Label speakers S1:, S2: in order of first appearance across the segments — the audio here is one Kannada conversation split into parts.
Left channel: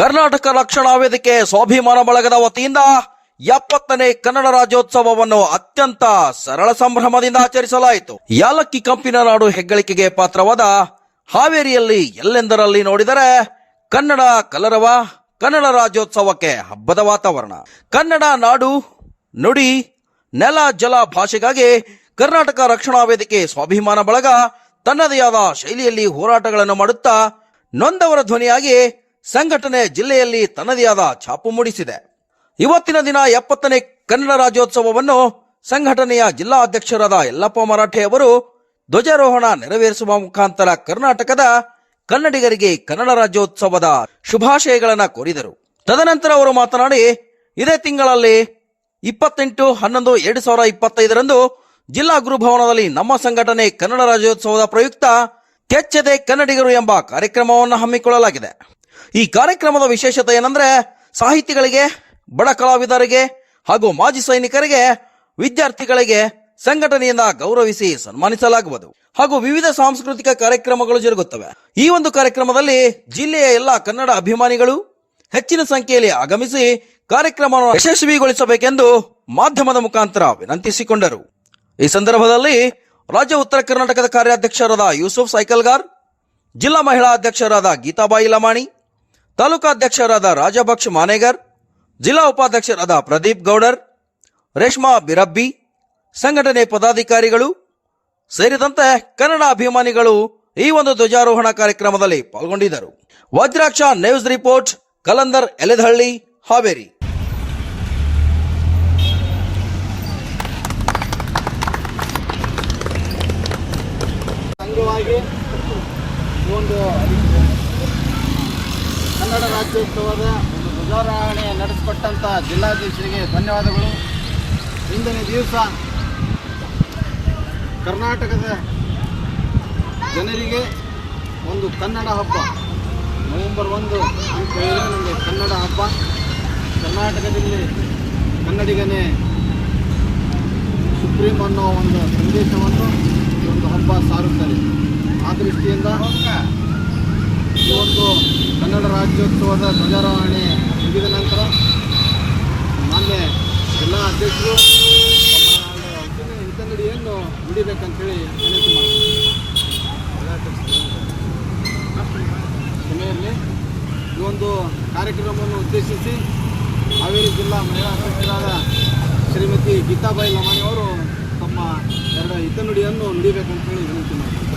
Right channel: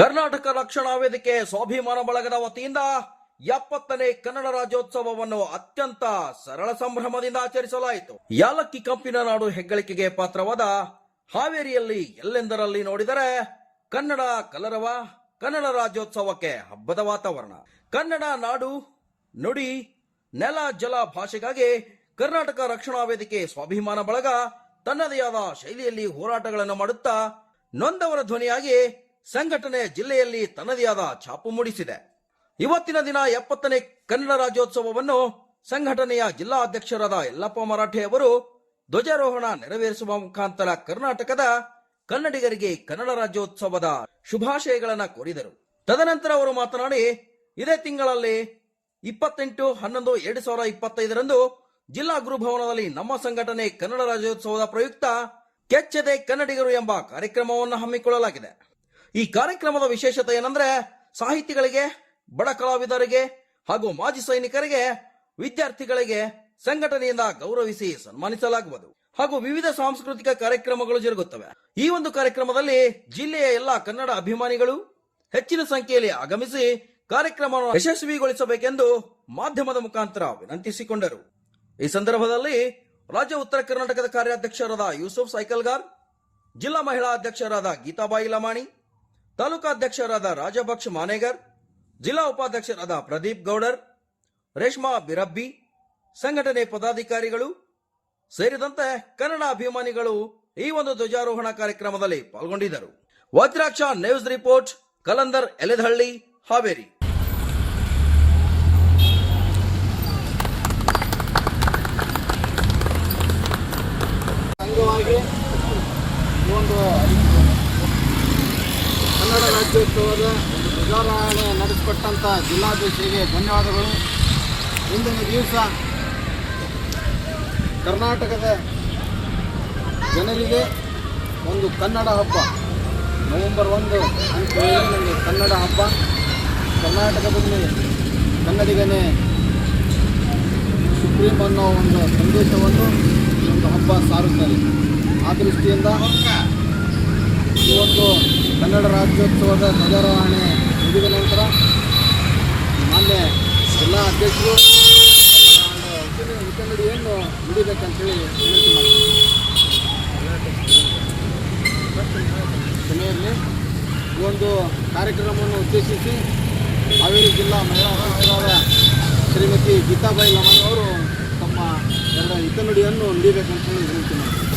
S1: ಕರ್ನಾಟಕ ರಕ್ಷಣಾ ವೇದಿಕೆ ಸ್ವಾಭಿಮಾನ ಬಳಗದ ವತಿಯಿಂದ ಎಪ್ಪತ್ತನೇ ಕನ್ನಡ ರಾಜ್ಯೋತ್ಸವವನ್ನು ಅತ್ಯಂತ ಸರಳ ಸಂಭ್ರಮದಿಂದ ಆಚರಿಸಲಾಯಿತು ಯಾಲಕ್ಕಿ ಕಂಪಿನ ನಾಡು ಹೆಗ್ಗಳಿಕೆಗೆ ಪಾತ್ರವಾದ ಹಾವೇರಿಯಲ್ಲಿ ಎಲ್ಲೆಂದರಲ್ಲಿ ನೋಡಿದರೆ ಕನ್ನಡ ಕಲರವ ಕನ್ನಡ ರಾಜ್ಯೋತ್ಸವಕ್ಕೆ ಹಬ್ಬದ ವಾತಾವರಣ ಕನ್ನಡ ನಾಡು ನುಡಿ ನೆಲ ಜಲ ಭಾಷೆಗಾಗಿ ಕರ್ನಾಟಕ ರಕ್ಷಣಾ ವೇದಿಕೆ ಸ್ವಾಭಿಮಾನ ಬಳಗ ತನ್ನದೇ ಆದ ಶೈಲಿಯಲ್ಲಿ ಹೋರಾಟಗಳನ್ನು ಮಾಡುತ್ತಾ ನೊಂದವರ ಧ್ವನಿಯಾಗಿ ಸಂಘಟನೆ ಜಿಲ್ಲೆಯಲ್ಲಿ ತನ್ನದೇ ಆದ ಛಾಪು ಮೂಡಿಸಿದೆ ಇವತ್ತಿನ ದಿನ ಎಪ್ಪತ್ತನೇ ಕನ್ನಡ ರಾಜ್ಯೋತ್ಸವವನ್ನು ಸಂಘಟನೆಯ ಜಿಲ್ಲಾ ಅಧ್ಯಕ್ಷರಾದ ಯಲ್ಲಪ್ಪ ಮರಾಠೆ ಅವರು ಧ್ವಜಾರೋಹಣ ನೆರವೇರಿಸುವ ಮುಖಾಂತರ ಕರ್ನಾಟಕದ ಕನ್ನಡಿಗರಿಗೆ ಕನ್ನಡ ರಾಜ್ಯೋತ್ಸವದ ಶುಭಾಶಯಗಳನ್ನು ಕೋರಿದರು ತದನಂತರ ಅವರು ಮಾತನಾಡಿ ಇದೇ ತಿಂಗಳಲ್ಲಿ ಇಪ್ಪತ್ತೆಂಟು ಹನ್ನೊಂದು ಎರಡು ಸಾವಿರ ಇಪ್ಪತ್ತೈದರಂದು ಜಿಲ್ಲಾ ಗುರುಭವನದಲ್ಲಿ ನಮ್ಮ ಸಂಘಟನೆ ಕನ್ನಡ ರಾಜ್ಯೋತ್ಸವದ ಪ್ರಯುಕ್ತ ಕೆಚ್ಚದೆ ಕನ್ನಡಿಗರು ಎಂಬ ಕಾರ್ಯಕ್ರಮವನ್ನು ಹಮ್ಮಿಕೊಳ್ಳಲಾಗಿದೆ ಈ ಕಾರ್ಯಕ್ರಮದ ವಿಶೇಷತೆ ಏನಂದ್ರೆ ಸಾಹಿತಿಗಳಿಗೆ ಬಡ ಕಲಾವಿದರಿಗೆ ಹಾಗೂ ಮಾಜಿ ಸೈನಿಕರಿಗೆ ವಿದ್ಯಾರ್ಥಿಗಳಿಗೆ ಸಂಘಟನೆಯಿಂದ ಗೌರವಿಸಿ ಸನ್ಮಾನಿಸಲಾಗುವುದು ಹಾಗೂ ವಿವಿಧ ಸಾಂಸ್ಕೃತಿಕ ಕಾರ್ಯಕ್ರಮಗಳು ಜರುಗುತ್ತವೆ ಈ ಒಂದು ಕಾರ್ಯಕ್ರಮದಲ್ಲಿ ಜಿಲ್ಲೆಯ ಎಲ್ಲ ಕನ್ನಡ ಅಭಿಮಾನಿಗಳು ಹೆಚ್ಚಿನ ಸಂಖ್ಯೆಯಲ್ಲಿ ಆಗಮಿಸಿ ಕಾರ್ಯಕ್ರಮವನ್ನು ಯಶಸ್ವಿಗೊಳಿಸಬೇಕೆಂದು ಮಾಧ್ಯಮದ ಮುಖಾಂತರ ವಿನಂತಿಸಿಕೊಂಡರು ಈ ಸಂದರ್ಭದಲ್ಲಿ ರಾಜ್ಯ ಉತ್ತರ ಕರ್ನಾಟಕದ ಕಾರ್ಯಾಧ್ಯಕ್ಷರಾದ ಯೂಸುಫ್ ಸೈಕಲ್ಗಾರ್ ಜಿಲ್ಲಾ ಮಹಿಳಾ ಅಧ್ಯಕ್ಷರಾದ ಗೀತಾಬಾಯಿ ಲಮಾಣಿ ತಾಲೂಕಾಧ್ಯಕ್ಷರಾದ ರಾಜಭಕ್ಷ ಮಾನೇಗರ್ ಜಿಲ್ಲಾ ಉಪಾಧ್ಯಕ್ಷರಾದ ಪ್ರದೀಪ್ ಗೌಡರ್ ರೇಷ್ಮಾ ಬಿರಬ್ಬಿ ಸಂಘಟನೆ ಪದಾಧಿಕಾರಿಗಳು ಸೇರಿದಂತೆ ಕನ್ನಡ ಅಭಿಮಾನಿಗಳು ಈ ಒಂದು ಧ್ವಜಾರೋಹಣ ಕಾರ್ಯಕ್ರಮದಲ್ಲಿ ಪಾಲ್ಗೊಂಡಿದ್ದರು ವಜ್ರಾಕ್ಷ ನ್ಯೂಸ್ ರಿಪೋರ್ಟ್ ಕಲಂದರ್ ಎಲೆದಹಳ್ಳಿ ಹಾವೇರಿ
S2: ರಾಜ್ಯೋತ್ಸವದ ಒಂದು ಧ್ವಜಾರೋಹಣೆ ನಡೆಸಿಕೊಟ್ಟಂಥ ಜಿಲ್ಲಾಧೀಶರಿಗೆ ಧನ್ಯವಾದಗಳು ಇಂದಿನ ದಿವಸ ಕರ್ನಾಟಕದ ಜನರಿಗೆ ಒಂದು ಕನ್ನಡ ಹಬ್ಬ ನವೆಂಬರ್ ಒಂದು ಅಂತ ಹೇಳಿದರೆ ನಮಗೆ ಕನ್ನಡ ಹಬ್ಬ ಕರ್ನಾಟಕದಲ್ಲಿ ಕನ್ನಡಿಗನೇ ಸುಪ್ರೀಂ ಅನ್ನೋ ಒಂದು ಸಂದೇಶವನ್ನು ಈ ಒಂದು ಹಬ್ಬ ಸಾರುತ್ತಾರೆ ಆ ದೃಷ್ಟಿಯಿಂದ ಈ ಒಂದು ಕನ್ನಡ ರಾಜ್ಯೋತ್ಸವದ ಧ್ವಜಾರೋಹಣೆ ಮುಗಿದ ನಂತರ ಮಾನ್ಯ ಎಲ್ಲ ಅಧ್ಯಕ್ಷರು ವಿತಂಗಡಿಯನ್ನು ಮುಡಿಬೇಕಂತೇಳಿ ವಿನಂತಿ ಮಾಡಿ ಸಭೆಯಲ್ಲಿ ಈ ಒಂದು ಕಾರ್ಯಕ್ರಮವನ್ನು ಉದ್ದೇಶಿಸಿ ಹಾವೇರಿ ಜಿಲ್ಲಾ ಮಹಿಳಾ ಅಧ್ಯಕ್ಷರಾದ ಶ್ರೀಮತಿ ಗೀತಾಬಾಯಿ ಅವರು ತಮ್ಮ ಎರಡು ಹಿತನುಡಿಯನ್ನು ನುಡಿಬೇಕಂತೇಳಿ ವಿನಂತಿ ಮಾಡ್ತಾರೆ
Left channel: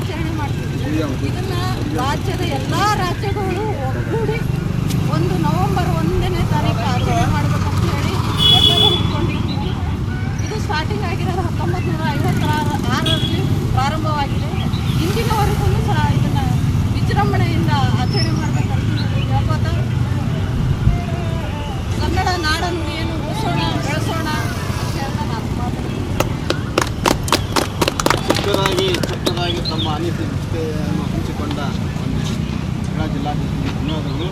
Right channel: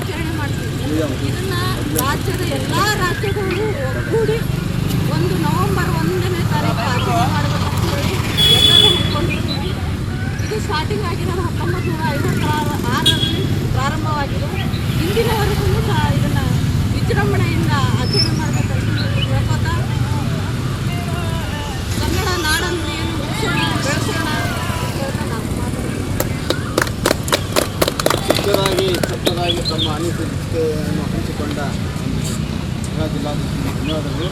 S3: ಆಚರಣೆ ಮಾಡ್ತೀವಿ ಇದನ್ನ ರಾಜ್ಯದ ಎಲ್ಲಾ ರಾಜ್ಯಗಳು ಒಗ್ಗೂಡಿ ಒಂದು ನವೆಂಬರ್ ಒಂದನೇ ತಾರೀಕು ಆಚರಣೆ ಮಾಡ್ಬೇಕಂತ ಹೇಳಿ ಎಲ್ಲರೂ ಅಂದ್ಕೊಂಡಿರ್ತೀವಿ ಇದು ಸ್ಟಾರ್ಟಿಂಗ್ ಆಗಿರೋದು ಹತ್ತೊಂಬತ್ತು ನೂರ
S2: ಇಲ್ಲಿ ತಮ್ಮ ಅನಿಸಿಕೆಯನ್ನು ಹಂಚಿಕೊಂಡ ಒಂದು ಜಿಲ್ಲಾಧಿಕಾರಿ ಧನ್ಯವಾದಗಳು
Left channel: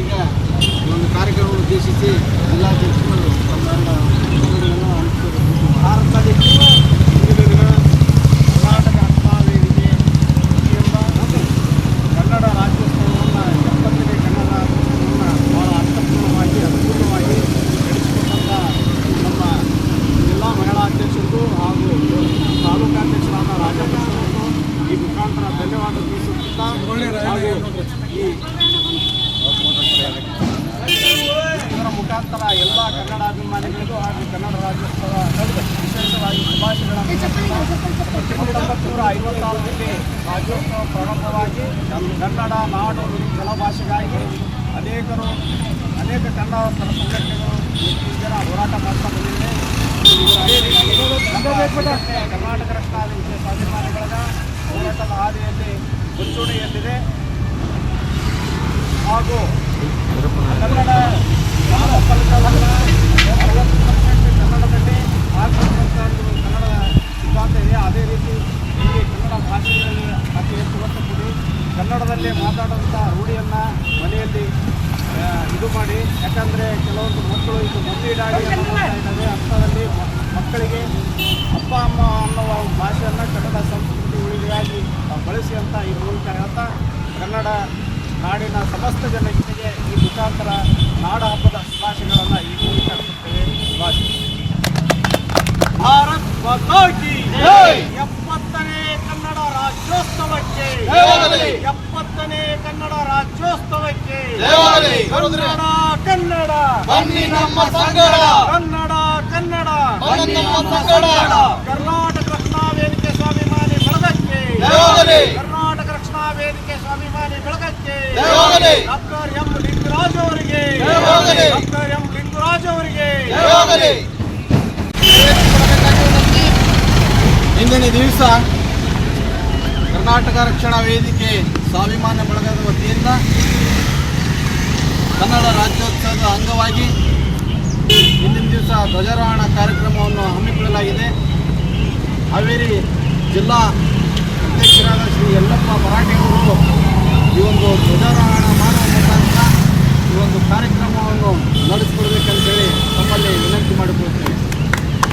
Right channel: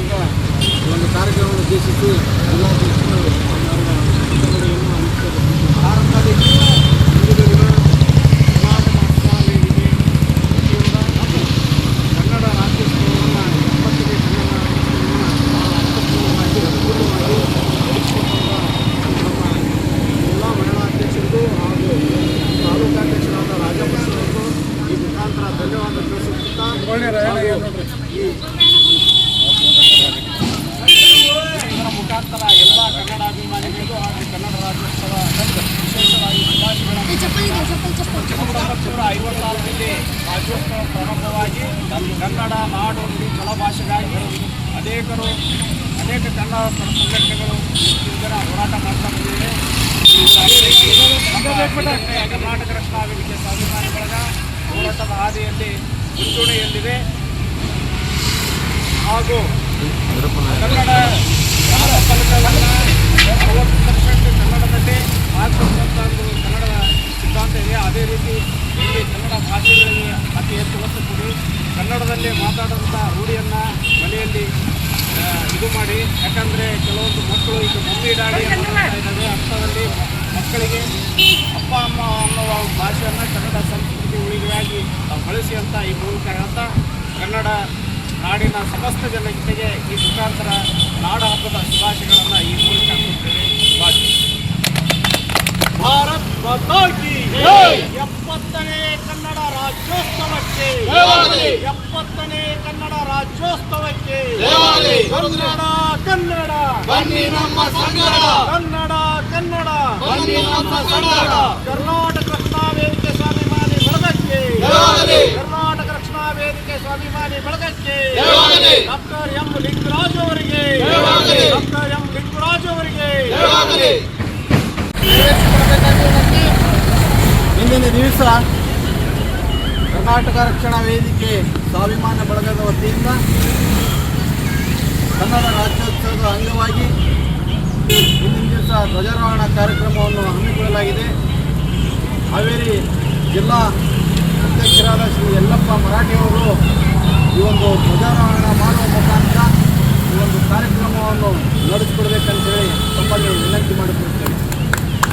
S2: ಈಗ ಒಂದು ಕಾರ್ಯಕ್ರಮ ಉದ್ದೇಶಿಸಿ ಜಿಲ್ಲಾಧ್ಯಕ್ಷರು ಇದರ ಮುಖಾಂತರ ಎಲ್ಲ ಕನ್ನಡ ಅಭಿಮಾನಿಗಳಿಗೂ ಹಾಗೂ ಕನ್ನಡ ರಾಜ್ಯೋತ್ಸವ ವಿಶೇಷವಾಗಿ ಶುಭಾಶಯಗಳನ್ನು
S3: ಸಾವಿರದ
S2: ಒಂಬೈನೂರ ಐವತ್ತಾರರಲ್ಲಿ ರಾಜ್ಯೋತ್ಸವ ಪ್ರಾರಂಭವಾಗಿ ಕನ್ನಡ ನಾಡು ನುಡಿ ಭಾಷೆಗಾಗಿ ಅನೇಕರು ಅನೇಕ ಕನ್ನಡ ಪರ ಸಂಘಟನೆಗಳು ಜನ ಹೋರಾಟ ಮಾಡ್ತಾ ಬಂದಿವೆ ಕರ್ನಾಟಕ ರಕ್ಷಣಾ ವೇದಿಕೆ ಸ್ವಾಭಿಮಾನಿ ಬಳಗ ಹೋರಾಟದ ಹಾದಿಯಲ್ಲಿ ಮುಂಚೂಣಿಯಲ್ಲಿದೆ ಹಾಗೂ ಕನ್ನಡ ಯಾರ ಫಲಕವನ್ನು ಅರವತ್ತು ಪರ್ಸೆಂಟ್ ಕನ್ನಡದಲ್ಲಿ ಆರ್ಥಿಕ ಒಂದು ಕನ್ನಡ ಸಿದ್ಧಾಂತ ಇದೆ ಅದೇ ರೀತಿ ಇಲ್ಲಿ ಕನ್ನಡ ಭಾಷೆಗಳಲ್ಲಿ ಅತಿ ಹೆಚ್ಚು ಒತ್ತು ಕೊಡಿ ಕನ್ನಡದಲ್ಲಿ ಮಾತಾಡುವಂಥ ರೂಢಿಯನ್ನು ಮನೆಯಲ್ಲಿ ಇದು ಮಾಡಿ ಯಾಕಂದರೆ ಕೆಲವೊಂದು ಮಕ್ಕಳು ಈಗ ಮುಂದೀಡಾಗಿ ಡಾಡಿ ಅಂತ ಇದ್ದಾವೆ ಅರ್ಥದಲ್ಲಿ ಮಕ್ಕಳಿಗೆ ಅಪ್ಪ ಅಮ್ಮ ಸಕ್ರಿಯವಾಗಿ ಬಳಸಿ ಅಂತ ಈ ಮೂಲಕ ಹೇಳ್ತಾ ಕನ್ನಡ ನಾಡಿನ ಸಮಸ್ತ ಜನತೆಗೆ ಈ ಮುಖಾಂತರ ನಾಡ ಹಬ್ಬದ ಶುಭಾಶಯಗಳನ್ನು ಈ ಮೂಲಕ ಕೊಡ್ತೇವೆ ಶುಭಾಶಯ
S4: ಭಾರತ್ ಎಪ್ಪತ್ತನೇ ಕನ್ನಡ ರಾಜ್ಯೋತ್ಸವಕ್ಕೆ ಎಪ್ಪತ್ತನೇ ಕನ್ನಡ ರಾಜ್ಯೋತ್ಸವಕ್ಕೆ ಕನ್ನಡ ಕನ್ನಡ ಬನ್ನಿ ನಮ್ಮ ಕನ್ನಡ ಕನ್ನಡ ಕನ್ನಡ ಕರ್ನಾಟಕ ಬಳಗಕ್ಕೆ ಕರ್ನಾಟಕ ರಕ್ಷಣಾ ವೇದಿಕೆ ಸ್ವಾಭಿಮಾನಿ ಬಳಗಕ್ಕೆ ಡಾಕ್ಟರ್ ಎಂ ಲಿಂಗರಾಜ್ ಅವರಿಗೆ ಡಾಕ್ಟರ್ ಎಂ ಲಿಂಗರಾಜ್ ಅವರಿಗೆ
S2: ಇಂದಿನ ದಿವಸ ಕರ್ನಾಟಕ ರಕ್ಷಣಾ ವೇದಿಕೆ ಸ್ವಾಭಿಮಾನ ಬಳಗದ ವತಿಯಿಂದ ಕನ್ನಡ ರಾಜ್ಯೋತ್ಸವದ ಅಂಗವಾಗಿ ಇಂದಿನ ದಿವಸ ಧ್ವಜಾರೋಹಣ ಕಾರ್ಯಕ್ರಮವನ್ನು ಹಮ್ಮಿಕೊಳ್ಳಲಾಗಿದೆ ಹಾವೇರಿ ಜಿಲ್ಲಾ ಅಧ್ಯಕ್ಷರಾದ ಶ್ರೀ ಯಲ್ಲಪ್ಪ ಮರಾಠಿಯವರು ಈ ಒಂದು ಧ್ವಜಾರೋಹಣ ಮಾಡುವ ಮುಖಾಂತರ ಈ ಒಂದು ಕಾರ್ಯಕ್ರಮವನ್ನು ನಡೆಸಿಕೊಡ್ಬೇಕಂತೇಳಿ ತಮ್ಮಲ್ಲಿ ವಿನಂತಿ ಮಾಡಿಕೊಳ್ತೇವೆ